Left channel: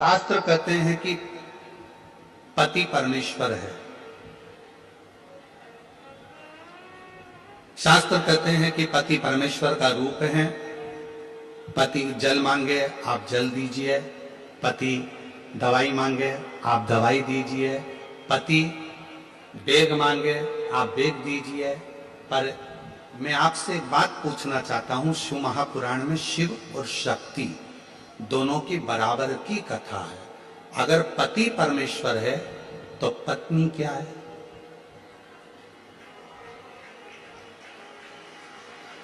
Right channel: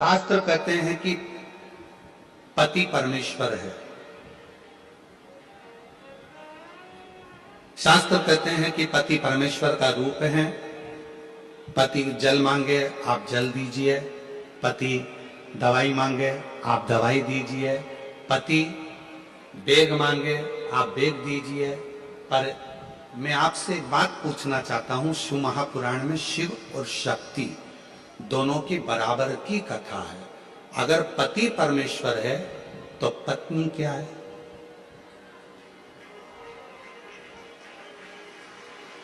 शास्त्र कहते हैं कि पति परमेश्वर है। शास्त्र कहते हैं कि पति परमेश्वर का रूप है। पति जल मांगे आप जल दीजिए, पति दवाई मांगे आप दवाई दीजिए, पति बेग मांगे आप बेग दीजिए। पर मैं आपसे एक बात पूछना चाहता हूं, शिव महापुराण में शिव और शक्ति दोनों की बराबर की कथा है। अगर पति परमेश्वर है तो पत्नी क्या है?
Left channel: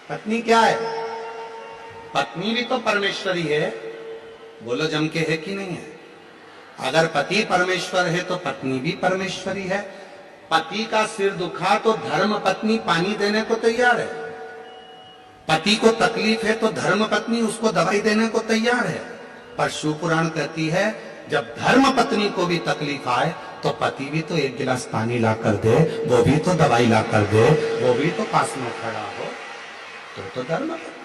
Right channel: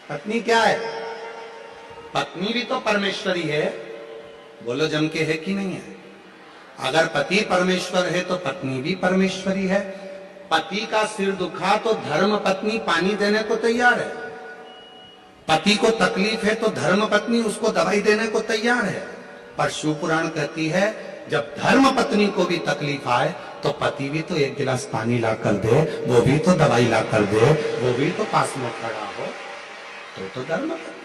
पत्नी क्या है? पत्नी भी तो परमेश्वरी है। बोलो जम के है कि नहीं है? अगर पति परमेश्वर है तो पत्नी भी परमेश्वरी है। पति का सिर दुखा तो धर्म पत्नी पानी देने को तैयार है। पति को तकलीफ है तो धर्म पत्नी उसको दवाई देने को तैयार है। पर शिव पुराण कहती है जब धर्म पत्नी को भी तकलीफ आए तो पति भी तो एक गिलास पानी ला कर दे, वो भी तो दवाई ला कर दे, वो भी तो पास में खड़ा हो, तो धर्म पत्नी।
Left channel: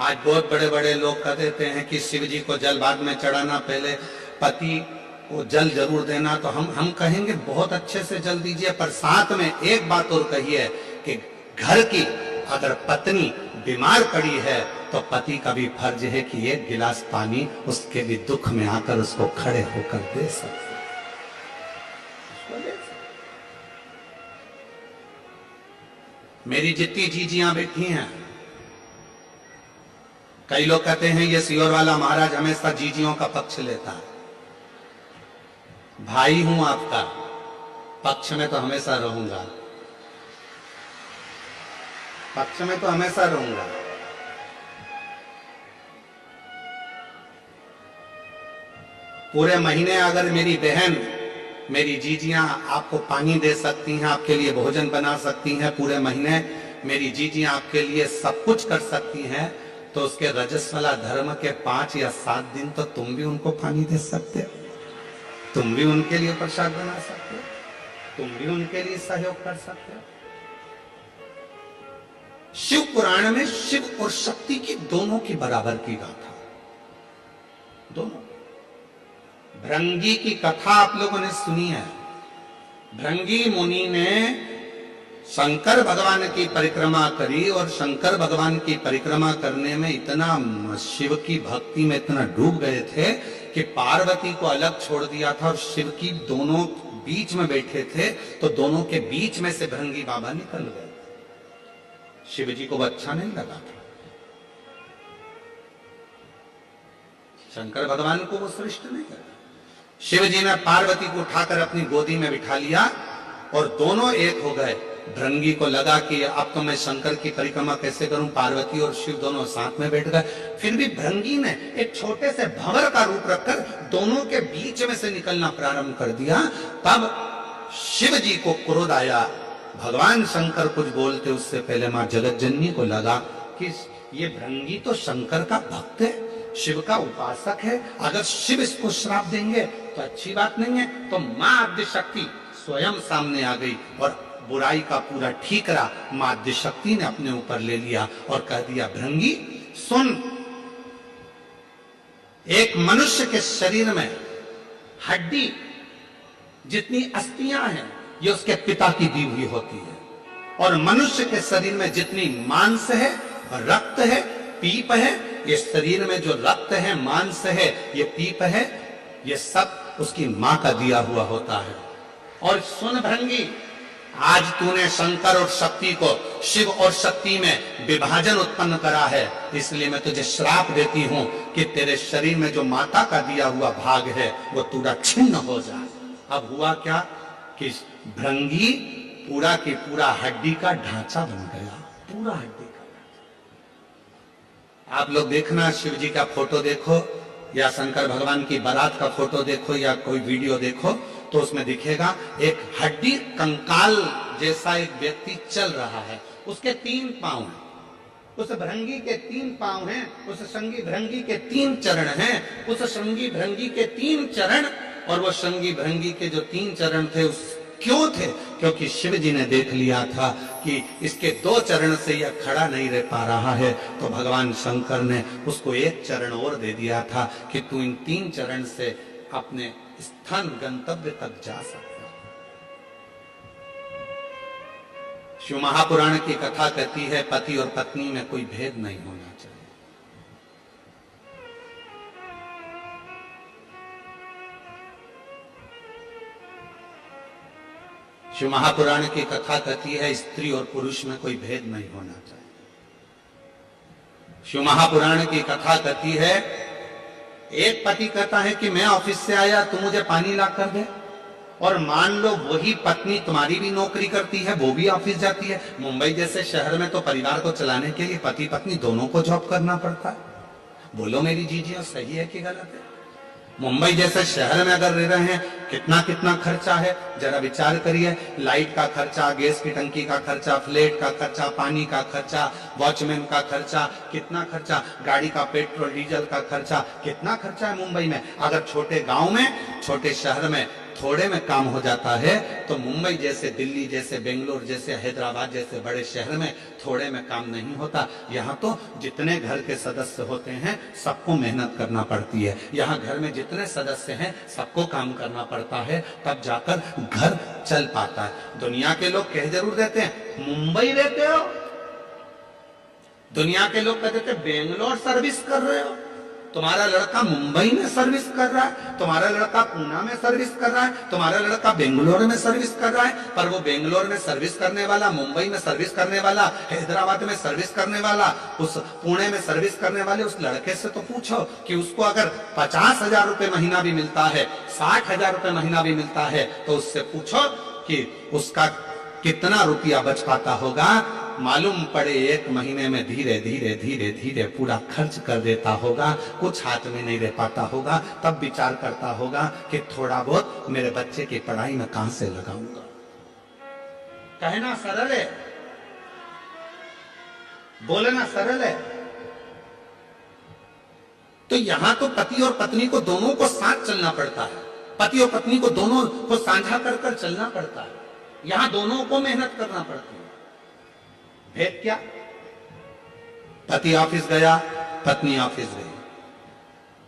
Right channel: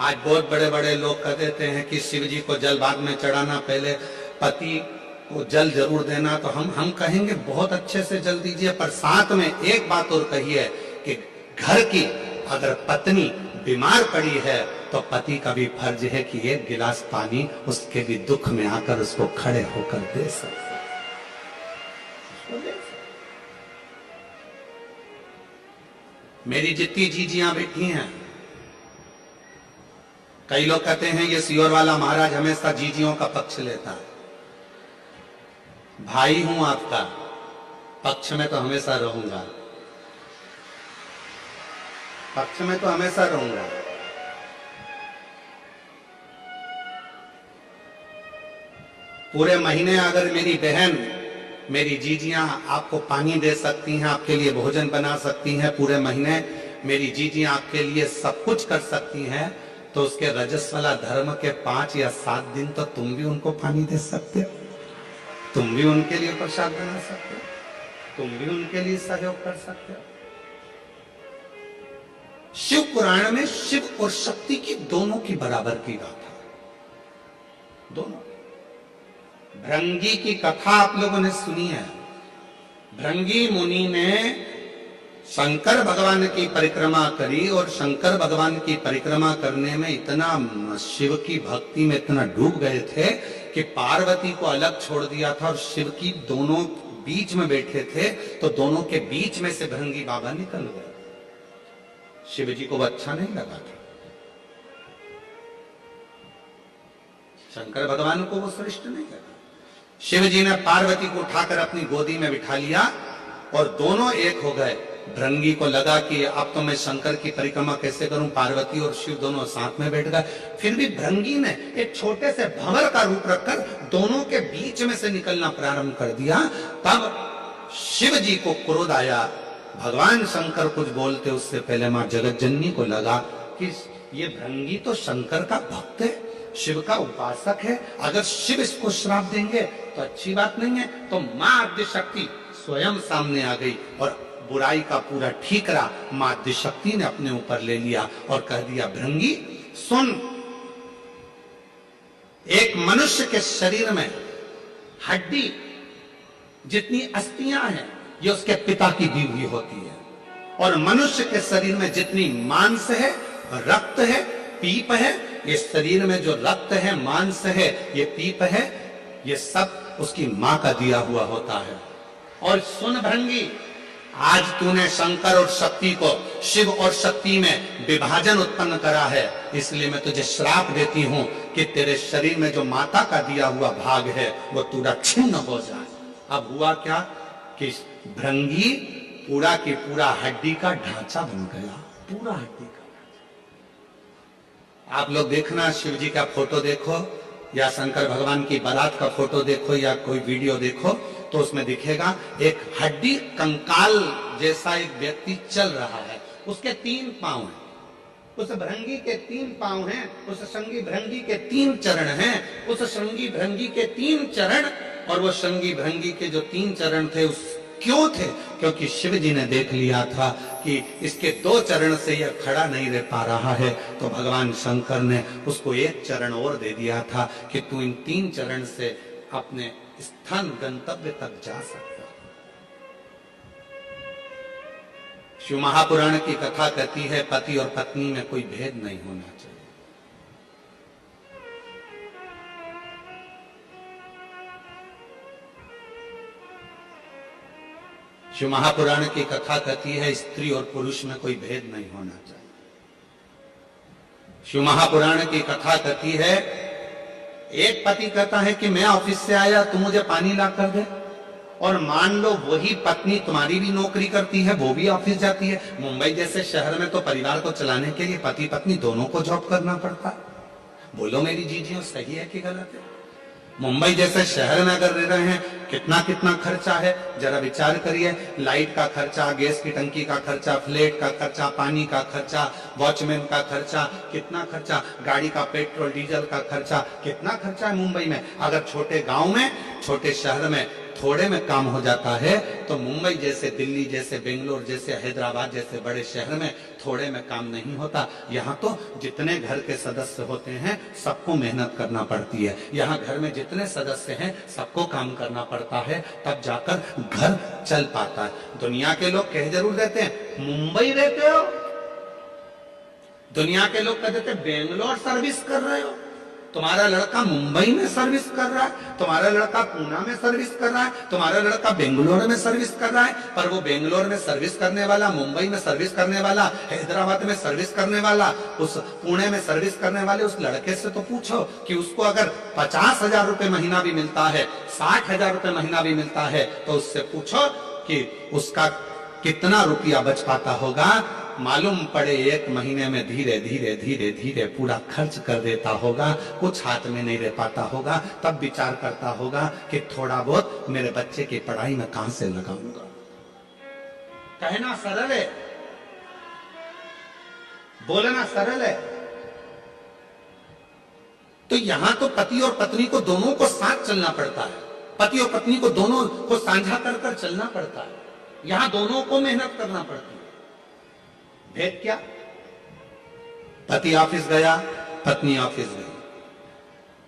आज बहुत बड़े बड़े लोग कह देते हैं कि शिव जी को जल बाद में चढ़ाना, पहले पति को जल जरूर देना। तो हम कहेंगे बहुत अच्छे से जल दीजिए, पर साथ में एक बात और कहिए कि घर की अगर पत्नी बीमार पड़ी है तो पति का भी फर्ज है कि एक गिलास पानी उसके भी दुख में आकर उसको खड़े होकर दे सकते। मेरी जितनी जीजियां बैठी हैं, कई लोग कहते हैं ये सियोर वाला महाराज हमेशा जीजियों का पक्ष लेता है। भाई हूं आपका, पक्ष में तो हमेशा रहूंगा, पक्ष में तो हमेशा रहूंगा। पूरे महीने अगर मेरी बहन, मेरी जीजियां आपको पानी दे सकती हैं, आपके लिए भोजन बना सकती हैं, पूरे महीने मेरी जीजियां आपके लिए सब कुछ कर सकती हैं, तो उसके रजस्वला धर्म के 5 या 7 दिन तो तुम भी उनको पानी दे सकते हो, तुम भी उनके लिए प्रसाद बना सकते हो, तुम भी उनके लिए सहयोग कर सकते हो। शिव पुराण में शिव और शक्ति की दोनों की बराबर की गाथा, दोनों। भृंगी की कथा आप लोगों ने सुनी है। भृंगी मुनि ने शंकर भगवान की परिक्रमा करी और शंकर भगवान की परिक्रमा करने में इतना शिव की भक्ति में इतना डूब गए थे कि पार्वती को अलग छोड़ दिया था और शिव की दोनों बीच में बैठे थे, तो दोनों के बीच में से भृंगी बाबा निकल गए। शिव जी को वो अच्छा नहीं लगा था, शंकर भगवान को वो श्रेष्ठ नहीं लगा। शिव जी ने पार्वती को उठाकर अपनी गोदी में बिठा लिया और दोनों एक हो गए। भृंगी को लगा कि अब तो मैं शंकर की परिक्रमा कैसे करूं, पार्वती और शिव दोनों साथ में बैठ गए। फिर भी भृंगी ने एक छोटे से भंवर का रूप रखकर दोनों के बीच में से निकलना प्रारंभ कर दिया। तब शिव जी को क्रोध आया। भगवान शंकर कुछ बोलते उससे पहले मां जगतजननी को लगा कि ये भृंगी तो शंकर का भक्त है, शिव का उपासक है, अगर शिव इसको श्राप देंगे तो अच्छी बात नहीं है। तो मां आद्यशक्ति स्वयं सामने आ गई और बुराई का पूरा ठीकरा मां आद्यशक्ति ने अपने ऊपर ले लिया और कह दिया, भृंगी सुन, एक मनुष्य के शरीर में हड्डी जितनी अस्थियां हैं ये उसके पिता की दी हुई होती है, और मनुष्य के शरीर में जितनी मांस है, रक्त है, पीप है, ये शरीर में जो रक्त है, मांस है, ये पीप है, ये सब उसकी मां का दिया हुआ होता है। और सुन भृंगी, आज तूने शंकर और शक्ति को, शिव और शक्ति में विभाजन उत्पन्न करा है, इसलिए मैं तुझे श्राप देती हूं कि तेरे शरीर में जो माता का दिया हुआ भाग है वो पूरा छिन्न हो जाए। अब हुआ क्या कि भृंगी पूरा की पूरा हड्डी का ढांचा बन गया, पूरा हड्डी का ढांचा। आप लोग देखना, शिव जी का फोटो देखो या शंकर भगवान की बारात का फोटो देखो या कोई वीडियो देखो, तो उसमें दिखेगा एक हड्डी कंकाल जैसा एक व्यक्ति चल रहा है, उसके 3 पांव हैं, उस भृंगी के 3 पांव हैं, उस श्रृंगी भृंगी के 3 चरण हैं, उस श्रृंगी भृंगी के 3 चरण, और वो श्रृंगी भृंगी के जो 3 चरण थे उस क्यों थे? क्योंकि शिव जी ने देख लिया था कि इसके 2 चरण से यह खड़ा नहीं रह पा रहा है, तो भगवान शंकर ने उसको 1 चरण और दे दिया था कि तू इन 3 चरण से अपने स्थान गंतव्य तक जा सकता है। शिव महापुराण की कथा कहती है पति और पत्नी में कोई भेद नहीं होना चाहिए। शिव महापुराण की कथा कहती है स्त्री और पुरुष में कोई भेद नहीं होना चाहिए। शिव महापुराण की कथा कहती है एक पति कहता है कि मैं ऑफिस से आया, तू मुझे पानी ला कर दे, और मान लो वही पत्नी तुम्हारी भी नौकरी करती है, वो भी ऑफिस जाती है। मुंबई जैसे शहर में तो परिवार को चलाने के लिए पति पत्नी दोनों को जॉब करना पड़ता है। बोलो मेरी जीजियों, सही है कि गलत है? मुंबई जैसे शहर में अगर रह रहे हैं, कितना कितना खर्चा है, जरा विचार करिए। लाइट का खर्चा, गैस की टंकी का खर्चा, फ्लैट का खर्चा, पानी का खर्चा, वॉचमैन का खर्चा, कितना खर्चा, गाड़ी का पेट्रोल डीजल का खर्चा, कितना खर्चा है मुंबई में। अगर छोटे गांव में, छोटे शहर में थोड़े में काम हो जाता है, तो मुंबई जैसे, दिल्ली जैसे, बेंगलोर जैसे, हैदराबाद जैसे बड़े शहर में थोड़े में काम नहीं होता। यहाँ तो जितने घर के सदस्य होते हैं सबको मेहनत करना पड़ती है। यहाँ घर में जितने सदस्य हैं सबको काम करना पड़ता है, तब जाकर घर चल पाता है। दुनिया के लोग कह जरूर देते हैं मुंबई रहते हो, दुनिया के लोग कह देते बेंगलोर सर्विस कर रहे हो, तुम्हारा लड़का मुंबई में सर्विस कर रहा है, तुम्हारा लड़का पूना में सर्विस कर रहा है, तुम्हारा लड़का बेंगलोर में सर्विस कर रहा है। पर वो बेंगलोर में सर्विस करने वाला, मुंबई में सर्विस करने वाला, हैदराबाद में सर्विस करने वाला, उस पुणे में सर्विस करने वाले उस लड़के से तो पूछो कि उसको अगर 50,000 रुपए महीना भी मिलता है, 60,000 रुपए महीना भी मिलता है, तो उससे पूछो कि उसका कितना रुपया बच पाता होगा। मालूम पड़े 1 महीने में धीरे धीरे धीरे धीरे पूरा खर्च कर देता होगा, कुछ हाथ में नहीं रह पाता होगा। तब विचार करता होगा कि थोड़ा बहुत मेरे बच्चे की पढ़ाई में कहां से लगाऊंगा। कहना सरल है, बोलना सरल है। तो यहां तो पति और पत्नी को दोनों को साथ चलना पड़ता है, पति और पत्नी को दोनों को साझा कर कर चलना पड़ता है। यहां दोनों को मेहनत करना पड़ती है। भेद क्या? पति ऑफिस गया, पत्नी ऑफिस गई।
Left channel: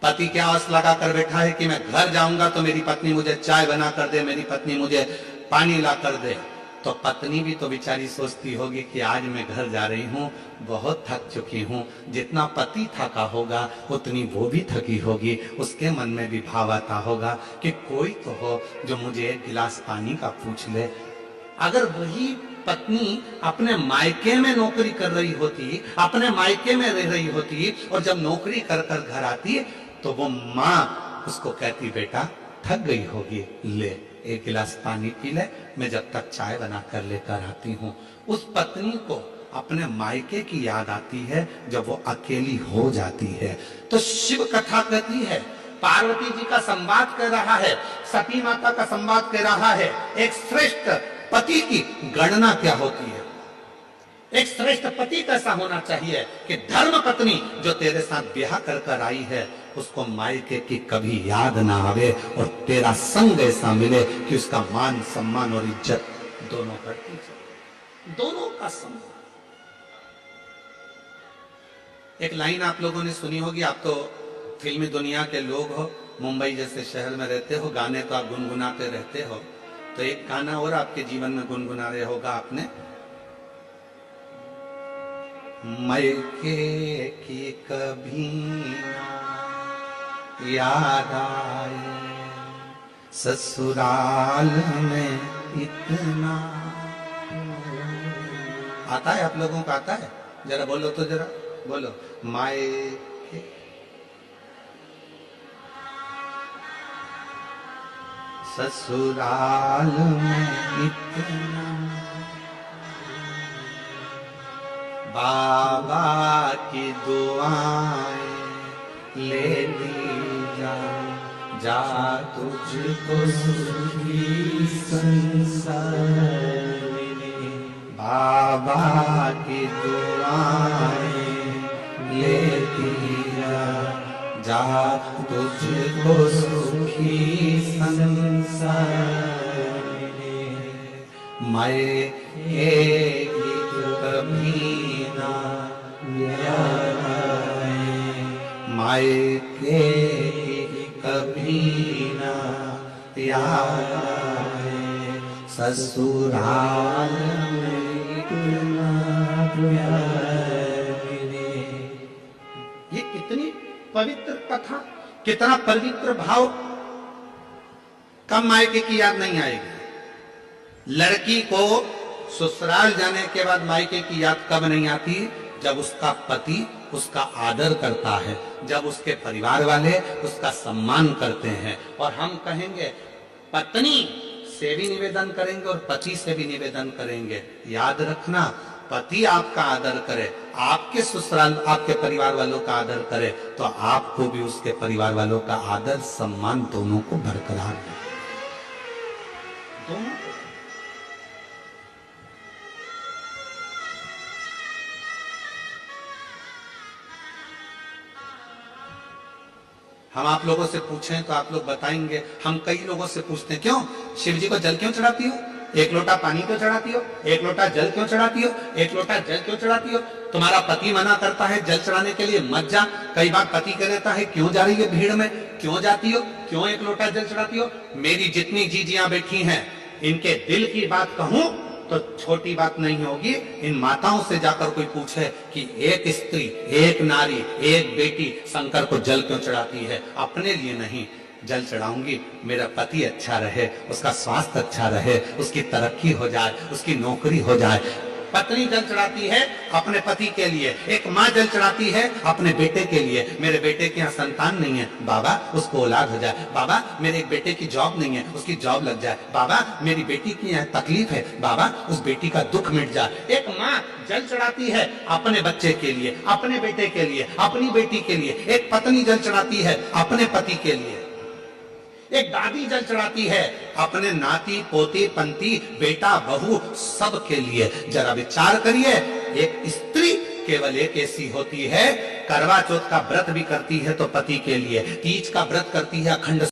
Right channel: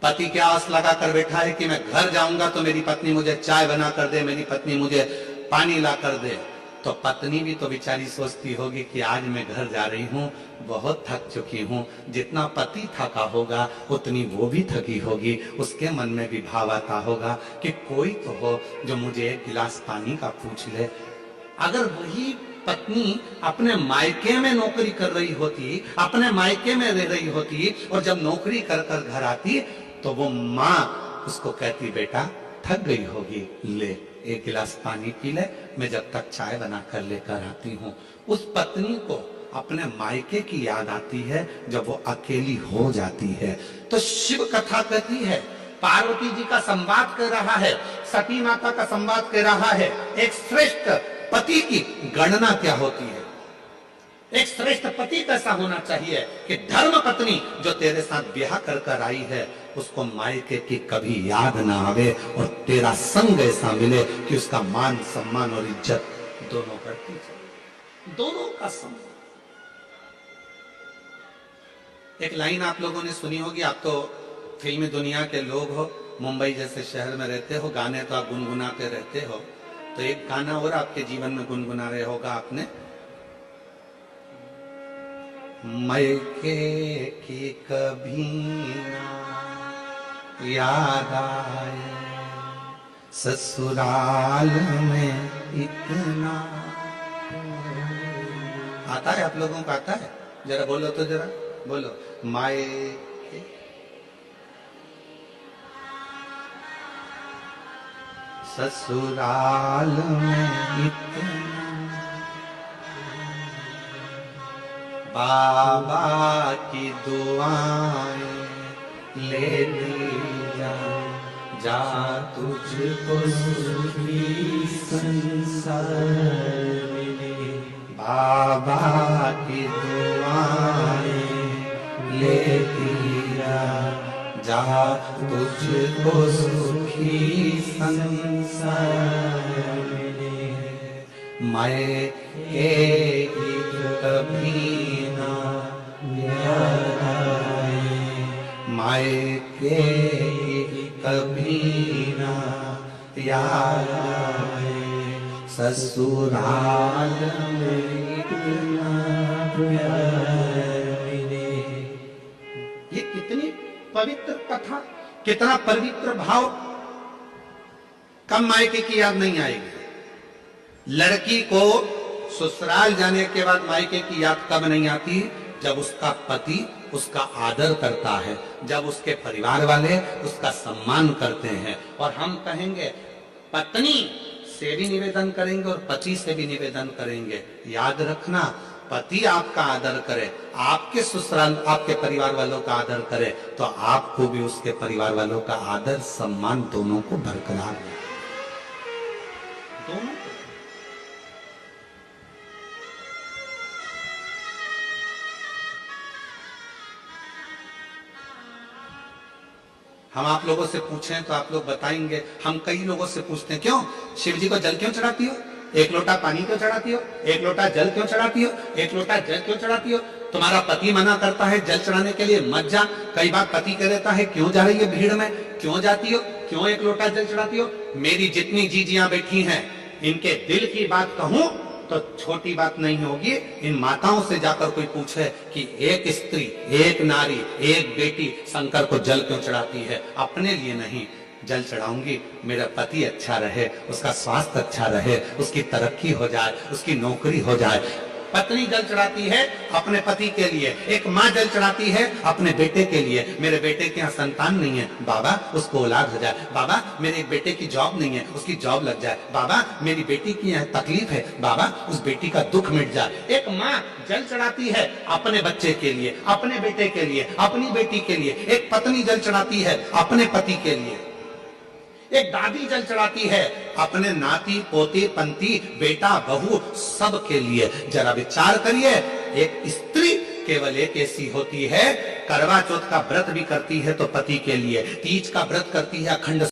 पति क्या आस लगा कर बैठा है कि मैं घर जाऊंगा तो मेरी पत्नी मुझे चाय बना कर दे, मेरी पत्नी मुझे पानी ला कर दे। तो पत्नी भी तो बेचारी सोचती होगी कि आज मैं घर जा रही हूं, बहुत थक चुकी हूं। जितना पति थका होगा उतनी वो भी थकी होगी। उसके मन में भी भाव आता होगा कि कोई तो हो जो मुझे 1 गिलास पानी का पूछ ले। अगर वही पत्नी अपने मायके में नौकरी कर रही होती, अपने मायके में रह रही होती, और जब नौकरी कर कर घर आती तो वो माँ उसको कहती बेटा थक गई होगी, ले 1 गिलास पानी पी ले, मैं जब तक चाय बना कर लेकर आती हूँ। उस पत्नी को अपने मायके की याद आती है जब वो अकेली हो जाती है। तो शिव कथा कहती है पार्वती जी का संवाद कर रहा है, सती माता का संवाद कर रहा है। एक श्रेष्ठ पति की गणना क्या होती है, एक श्रेष्ठ पति कैसा होना चाहिए कि धर्म पत्नी जो तेरे साथ ब्याह कर कर आई है उसको मायके की कभी याद ना आवे, और तेरा संग ऐसा मिले कि उसका मान सम्मान और इज्जत दोनों करती चले, दोनों का सम्मान। एक लाइन आप लोगों ने सुनी होगी, आप तो फिल्मी दुनिया के लोग हो, मुंबई जैसे शहर में रहते हो, गाने तो आप गुनगुनाते रहते हो। तो एक गाना और आपके जीवन में गुनगुना रहे होगा आपने, मायके की कभी ना याद आए, ससुराल में इतना। आता है आप लोगों को? आता है? जरा बोलो तो, जरा बोलो। मायके ससुराल में इतना, बाबा की दुआएं लेती जा, जा तुझको सुखी संसार मिले। बाबा की दुआएं लेती जा, जा तुझको सुखी संसार मिले। मायके की कभी ना याद आए, मायके की कभी ना याद आए, ससुराल में इतना प्यार मिले। ये कितनी पवित्र कथा, कितना पवित्र भाव। कब मायके की याद नहीं आएगी? लड़की को ससुराल जाने के बाद मायके की याद कब नहीं आती? जब उसका पति उसका आदर करता है, जब उसके परिवार वाले उसका सम्मान करते हैं। और हम कहेंगे, पत्नी से भी निवेदन करेंगे और पति से भी निवेदन करेंगे, याद रखना, पति आपका आदर करे, आपके ससुराल आपके परिवार वालों का आदर करे, तो आपको भी उसके परिवार वालों का आदर सम्मान दोनों को बरकरार है, दोनों को। हम आप लोगों से पूछें तो आप लोग बताएंगे, हम कई लोगों से पूछते हैं, क्यों शिव जी को जल क्यों चढ़ाती हो? एक लोटा पानी क्यों चढ़ाती हो? एक लोटा जल क्यों चढ़ाती हो? एक लोटा जल क्यों चढ़ाती हो? तुम्हारा पति मना करता है जल चढ़ाने के लिए, मत जा। कई बार पति कह देता है, क्यों जा रही है भीड़ में, क्यों जाती हो, क्यों एक लोटा जल चढ़ाती हो? मेरी जितनी जीजियां बैठी हैं, इनके दिल की बात कहूं तो छोटी बात नहीं होगी। इन माताओं से जाकर कोई पूछे कि एक स्त्री, एक नारी, एक बेटी शंकर को जल क्यों चढ़ाती है? अपने लिए नहीं, जल चढ़ाऊंगी मेरा पति अच्छा रहे, उसका स्वास्थ्य अच्छा रहे, उसकी तरक्की हो जाए, उसकी नौकरी हो जाए। पत्नी जल चढ़ाती है अपने पति के लिए, एक माँ जल चढ़ाती है अपने बेटे के लिए। मेरे बेटे के यहाँ संतान नहीं है, बाबा उसको औलाद हो जाए, बाबा मेरे एक बेटे की जॉब नहीं है, उसकी जॉब लग जाए, बाबा मेरी बेटी की यहाँ तकलीफ है, बाबा उस बेटी का दुख मिट जाए। एक माँ जल चढ़ाती है अपने बच्चे के लिए, अपने बेटे के लिए, अपनी बेटी के लिए। एक पत्नी जल चढ़ाती है अपने पति के लिए। एक दादी जल चढ़ाती है अपने नाती पोते पंती बेटा बहू सब के लिए। जरा विचार करिए, एक स्त्री केवल एक ऐसी होती है, करवा चौथ का व्रत भी करती है तो पति के लिए, तीज का व्रत करती है, अखंड